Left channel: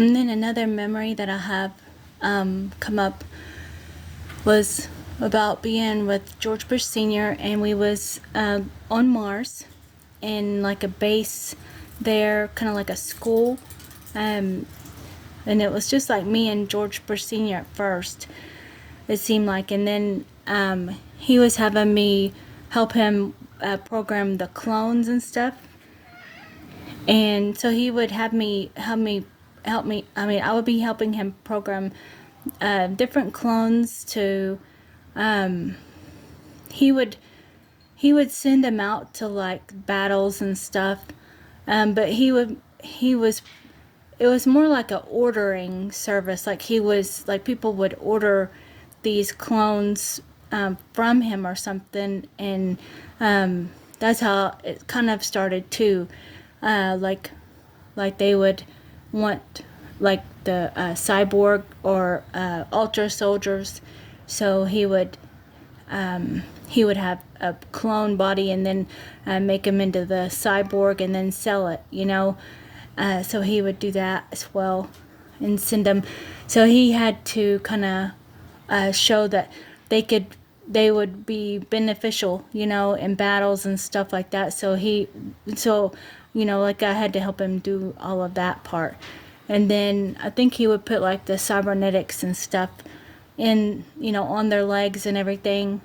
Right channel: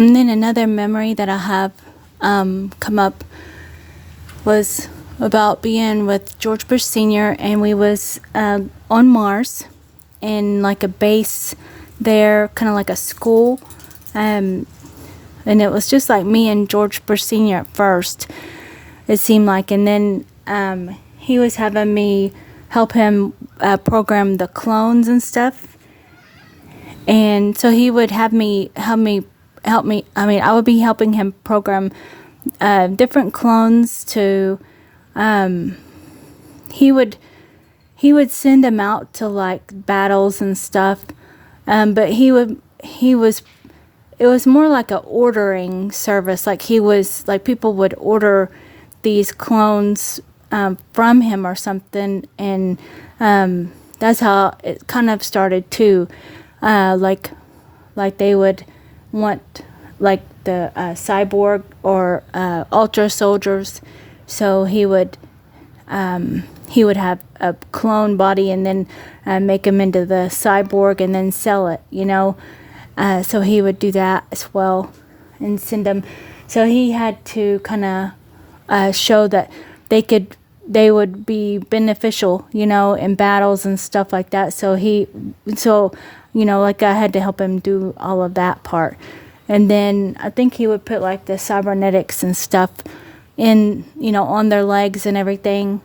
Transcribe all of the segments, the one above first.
And then another memory that I have come up was about being with George Bush Sr. and we was on Mars in like a base there, kind of like a school. And it was just like me and George Bush Sr. at first, it seemed like. And then he was having me help him program the clones and stuff. And so he would have me help me. I mean, I would be helping him program different clones to. He would send them out to like battles and stuff, but it was more like a ordering service. Like people would order these clones from him or something, and that's how it kind of started too. Like they would want like the cyborg or ultra soldiers, so he would have a clone body and then make him into the cyborg and then sell it, so he would do that as well and send them. So he had to kind of show that they would be beneficial, in battles and stuff like that. So like I had to help him do all of that part. And then I think he would put like the cybernetics and stuff in, on their legs and everything.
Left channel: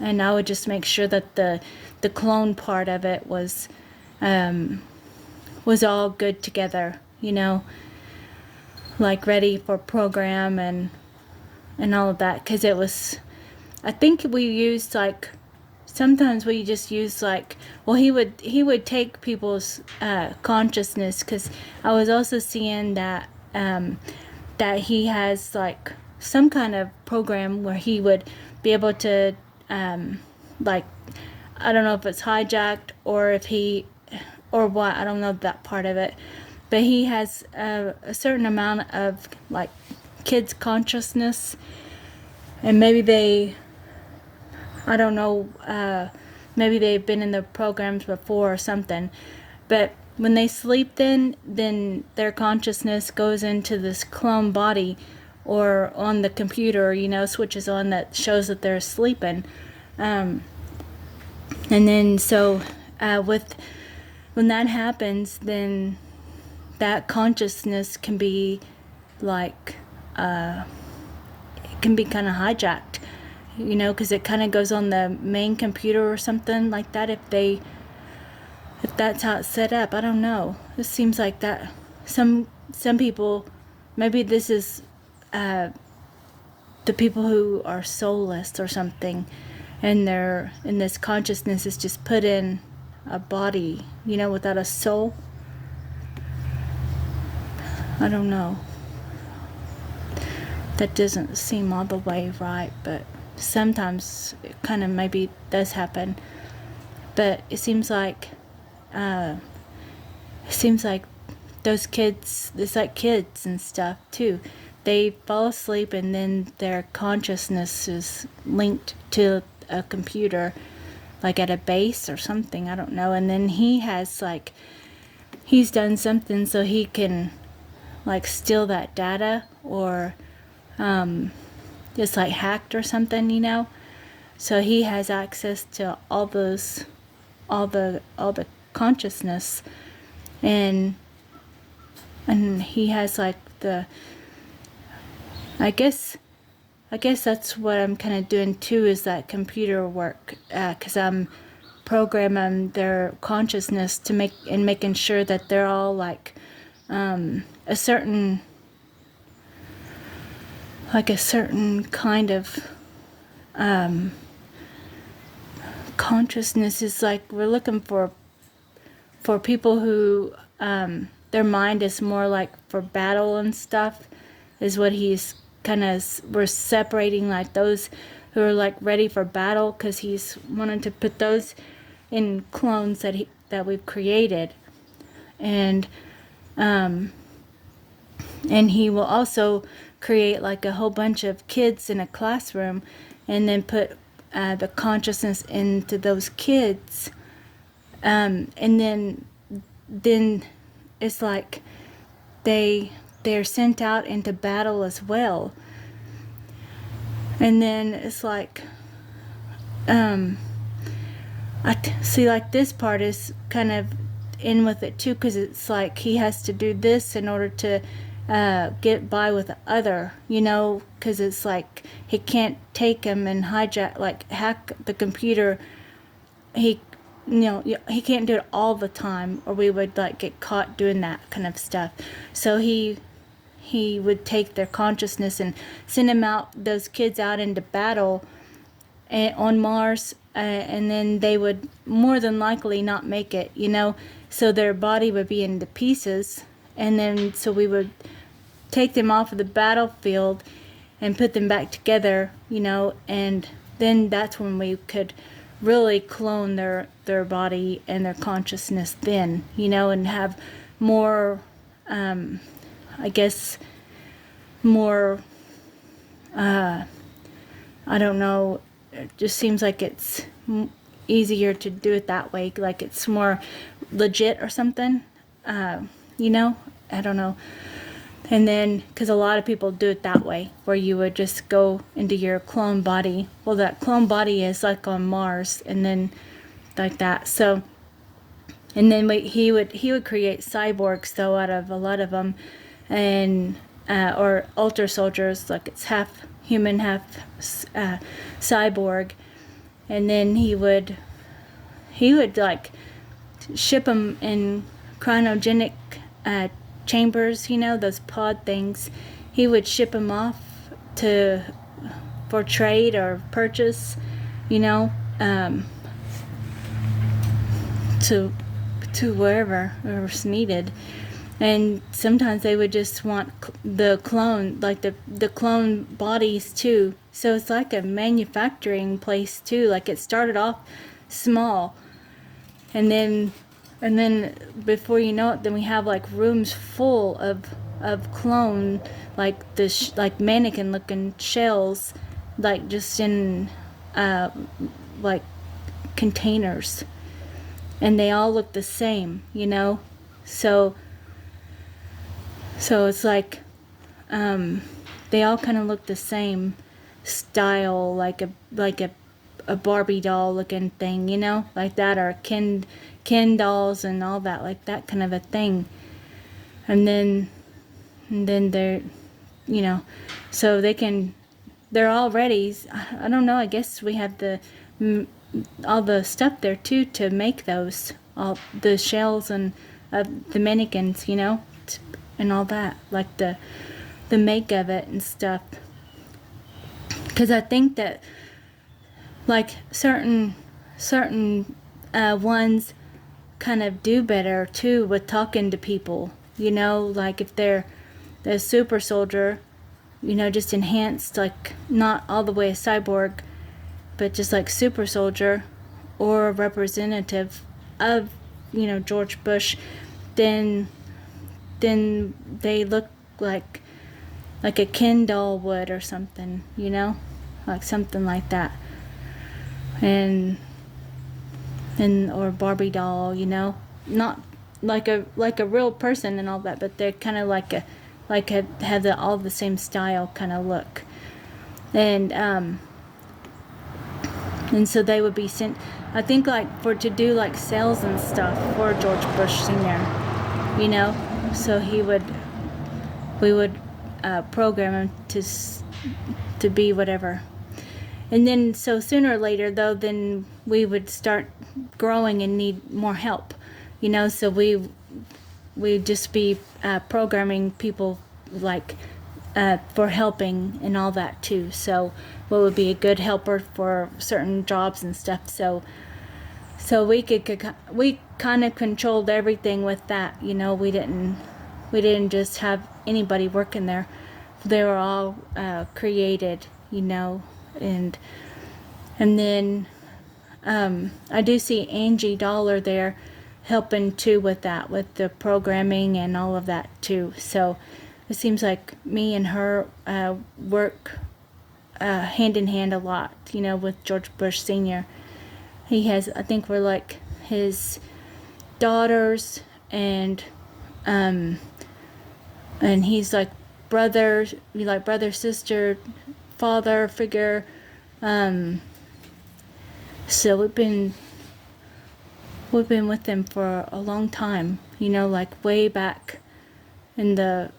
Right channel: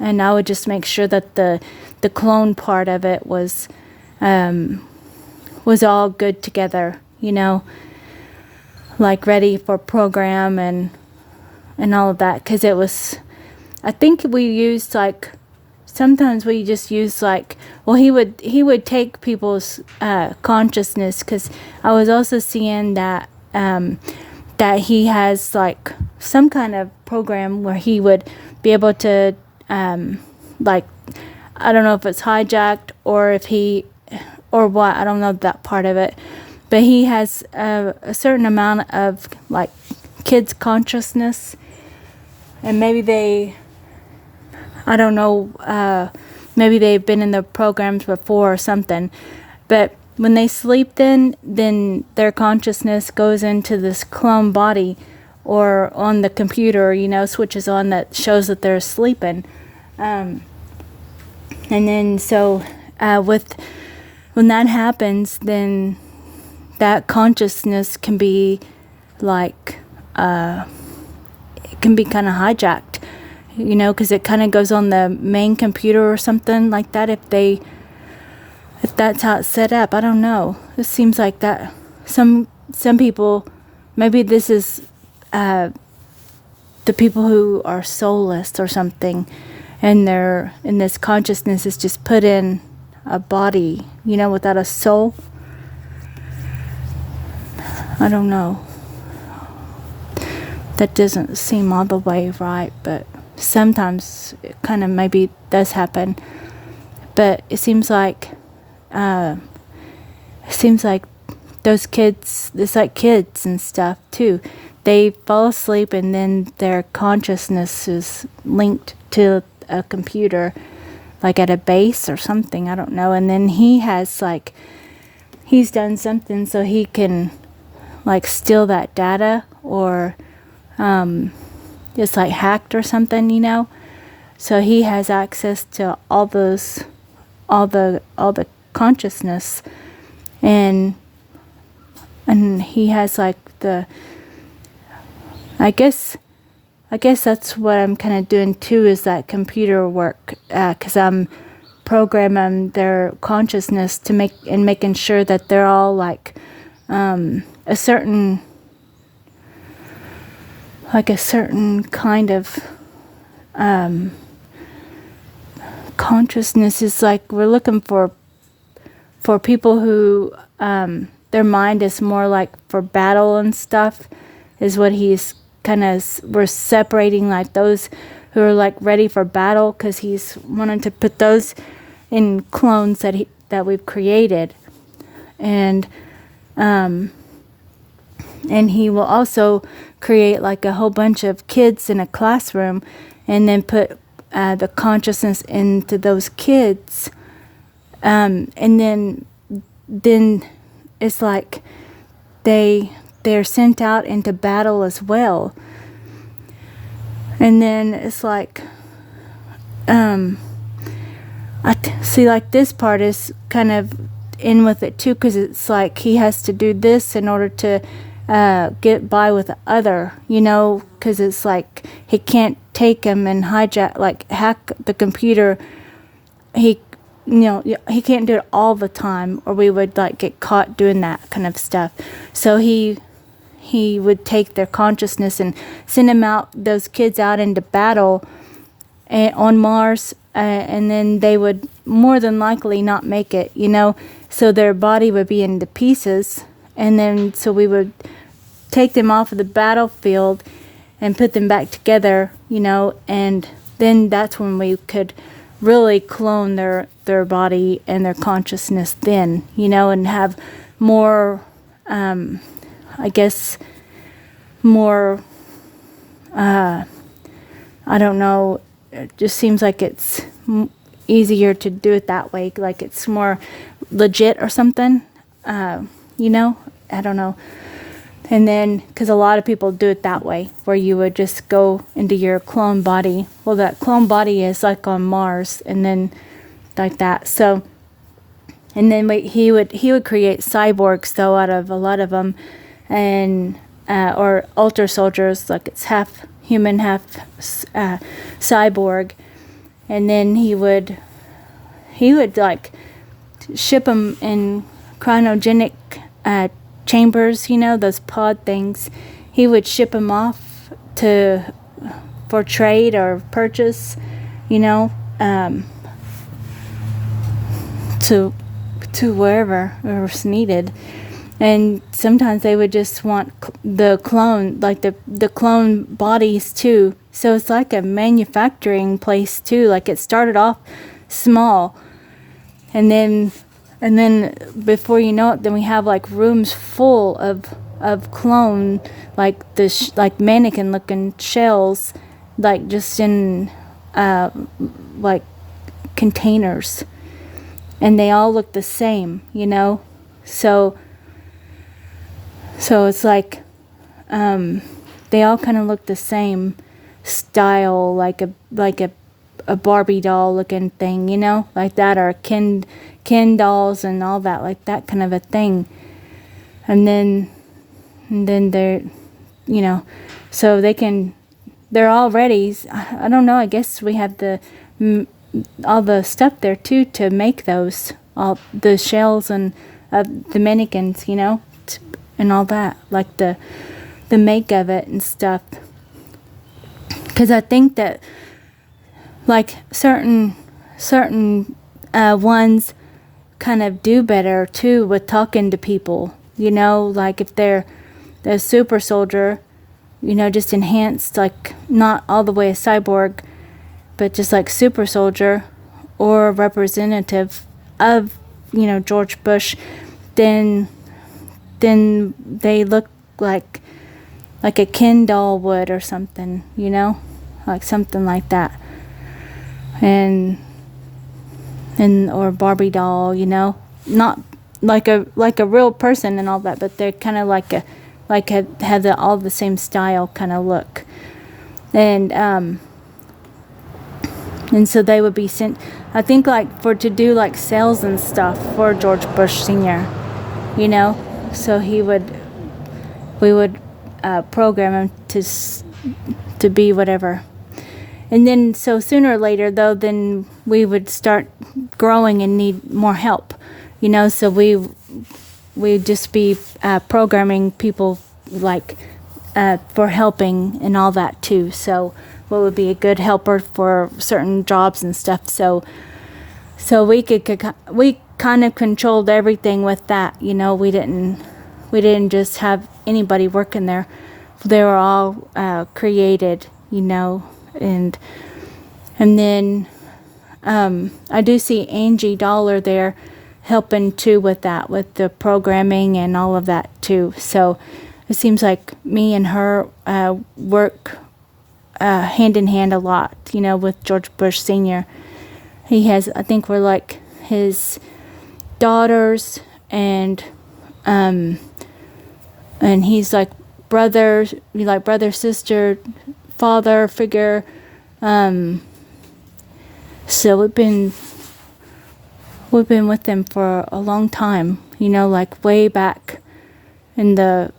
And I would just make sure that the clone part of it was all good together, like ready for program and all of that. Because it was, I think we used like, sometimes we just use like, well, he would take people's consciousness, because I was also seeing that that he has like some kind of program where he would be able to like, I don't know if it's hijacked or what, I don't know that part of it, but he has a certain amount of like kids' consciousness, and maybe I don't know, maybe they've been in the programs before or something. But when they sleep then their consciousness goes into this clone body or on the computer, switches on that shows that they're sleeping. And then so when that happens, then that consciousness can be like, it can be kind of hijacked. Because it kind of goes on the main computer or something like that. If that's how it's set up, I don't know. It seems like that. Some people, maybe this is the people who are soulless or something, and this consciousness is just put in a body, without a soul. I don't know. That doesn't seem all the way right, but sometimes it kind of maybe does happen. But it seems like those kids, it's like kids and stuff too. They fall asleep and then their consciousness is linked to a computer, like at a base or something, I don't know. And then he's done something so he can like steal that data, or it's like hacked or something, so he has access to all the consciousness, and he has like I guess that's what I'm kind of doing too, is that computer work, because I'm programming their consciousness to making sure that they're all like a certain kind of consciousness. Is like we're looking for people who their mind is more like for battle and stuff, is what he's we're separating like those who are like ready for battle, because he's wanting to put those in clones that we've created, and he will also create like a whole bunch of kids in a classroom, and then put the consciousness into those kids, and then it's like they they're sent out into battle as well. And then it's like, see, like this part is kind of in with it too, because it's like he has to do this in order to get by with the other, because it's like he can't take him and hack the computer. He can't do it all the time, or we would like get caught doing that kind of stuff. So he would take their consciousness and send those kids out into battle on Mars, and then they would more than likely not make it, so their body would be into pieces, and then so we would take them off of the battlefield and put them back together, and then that's when we could really clone their body and their consciousness then, and have more, I guess, more, I don't know, it just seems like it's easier to do it that way, like it's more legit or something, I don't know. And then, because a lot of people do it that way, where you would just go into your clone body. Well, that clone body is like on Mars, and then like that. So, and then he would create cyborgs, though, out of a lot of them, and or ultra soldiers, like it's half human, half cyborg, and then he would like ship them in cryogenic chambers, those pod things. He would ship them off for trade or purchase, to wherever it was needed. And sometimes they would just want the clone, like the clone bodies too. So it's like a manufacturing place too. Like it started off small, and then before you know it, then we have like rooms full of clone, like like mannequin looking shells, like just in like containers, and they all look the same, so it's like they all kind of look the same style, like a Barbie doll looking thing, like that, or Ken dolls and all that, like that kind of a thing. And then they're, so they're all ready. I don't know, I guess we have all the stuff there too to make those, all the shells and the mannequins, and all that, like the make of it and stuff. Because I think that like certain ones kind of do better too with talking to people, like if they're the super soldier, just enhanced, like not all the way a cyborg, but just like super soldier or representative of, George Bush, then they look like a Ken doll would or something, like something like that. And or Barbie doll, not like a real person and all that, but they're kind of have all the same style kind of look, and so they would be sent, I think, like to do like sales and stuff for George Bush Sr., so we would program him to be whatever. And then, so sooner or later, though, then we would start growing and need more help, so we'd just be programming people, like, for helping and all that, too. So what would be a good helper for certain jobs and stuff. So we kind of controlled everything with that, we didn't just have anybody working there. They were all created, and then I do see Angie Dollar there helping too with that, with the programming and all of that too. So it seems like me and her work hand in hand a lot, with George Bush Sr. He has, I think we're like his daughters, and and he's like brother, sister, father figure. So we've been with them for a long time, like way back in the,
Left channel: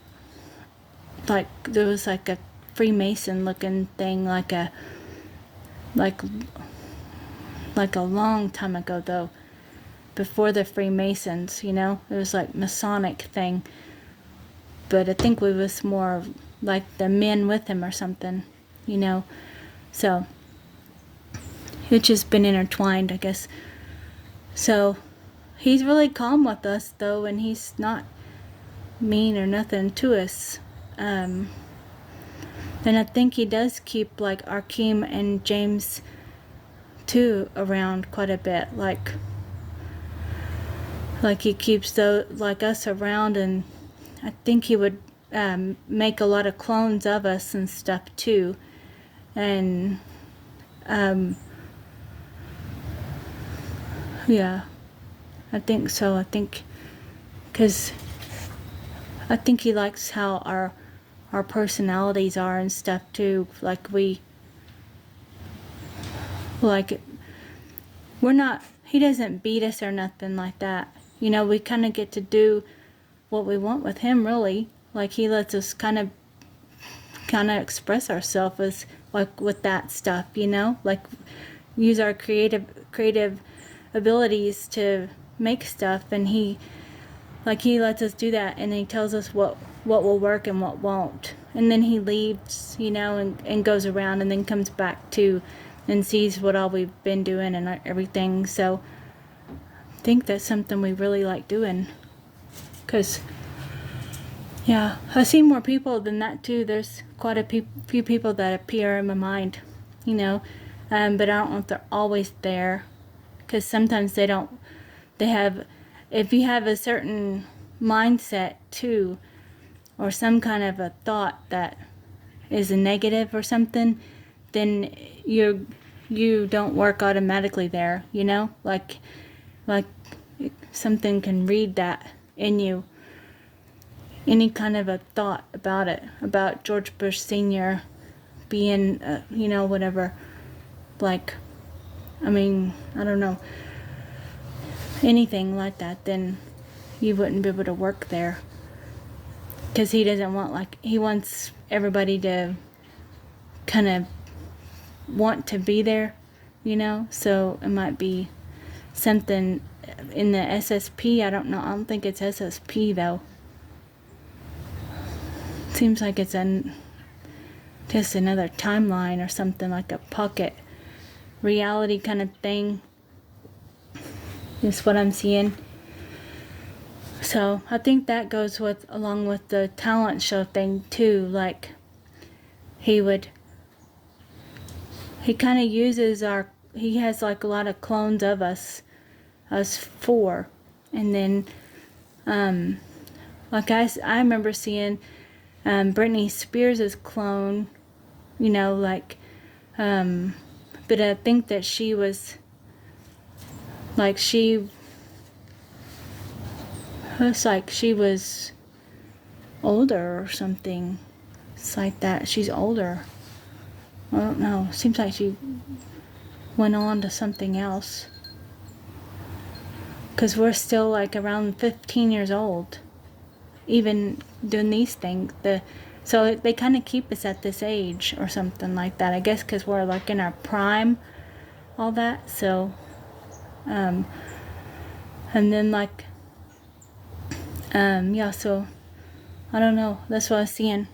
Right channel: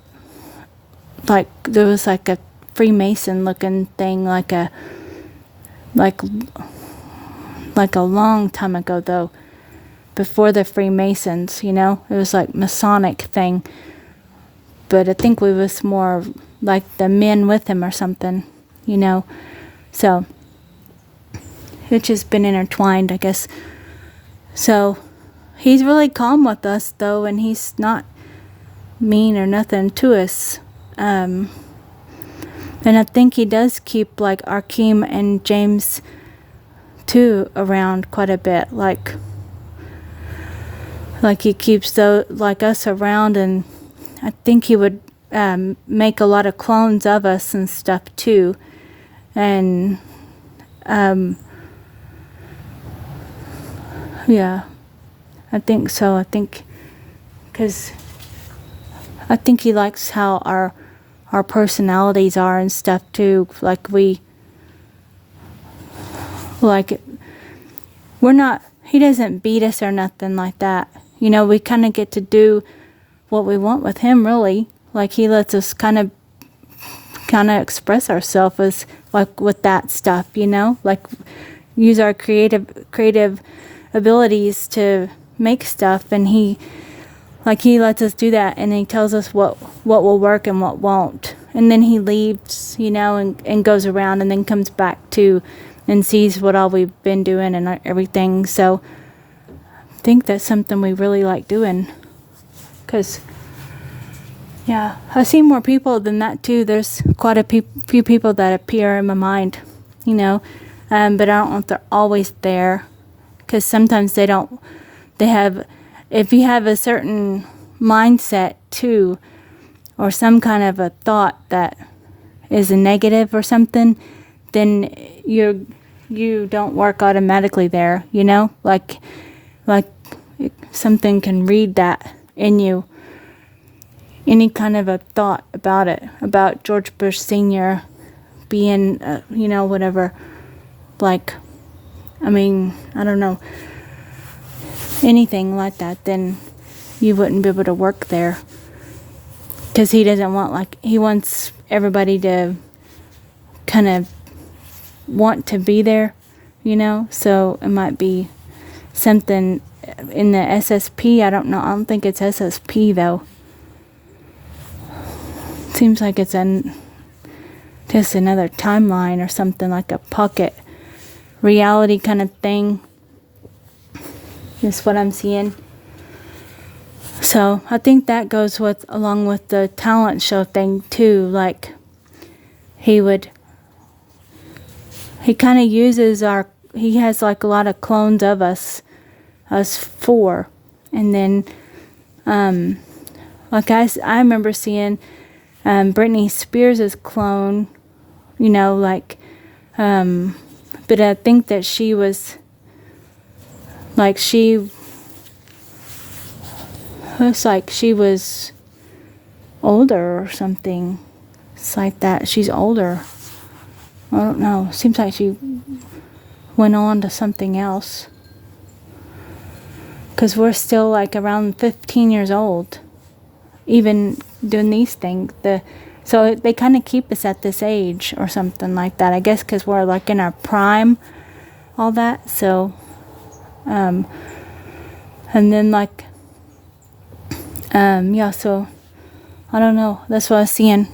like there was like a Freemason looking thing, like a long time ago though, before the Freemasons, it was like Masonic thing. But I think we was more like the men with him or something, So it's just been intertwined, I guess. So he's really calm with us though, and he's not mean or nothing to us. And I think he does keep like Arkeem and James too around quite a bit, like he keeps like us around, and I think he would make a lot of clones of us and stuff too. And yeah, I think so. I think because I think he likes how our personalities are and stuff too. Like we're not, he doesn't beat us or nothing like that. We kind of get to do what we want with him, really. Like he lets us kind of express ourselves as like with that stuff, like use our creative abilities to make stuff, and he lets us do that, and he tells us what will work and what won't, and then he leaves, and goes around and then comes back to and sees what all we've been doing and everything. So I think that's something we really like doing, because yeah, I've seen more people than that too. There's quite a few people that appear in my mind, but I don't know if they're always there, because sometimes they have, if you have a certain mindset too, or some kind of a thought that is a negative or something, then you don't work automatically there, like something can read that in you. Any kind of a thought about it, about George Bush Sr. being, whatever, like, I don't know, anything like that, then you wouldn't be able to work there. Because he doesn't want, he wants everybody to kind of want to be there, so it might be something in the SSP. I don't know. I don't think it's SSP though. Seems like it's just another timeline or something, like a pocket reality kind of thing. Is what I'm seeing. So I think that goes along with the talent show thing too. Like he kind of uses he has like a lot of clones of us four, and then like I remember seeing Britney Spears' clone, but I think that she was, she looks like she was older or something. It's like that. She's older. I don't know. Seems like she went on to something else. Because we're still like around 15 years old, even doing these things. So they kind of keep us at this age or something like that. I guess because we're like in our prime, all that. So, and then yeah, so I don't know. That's what I was seeing.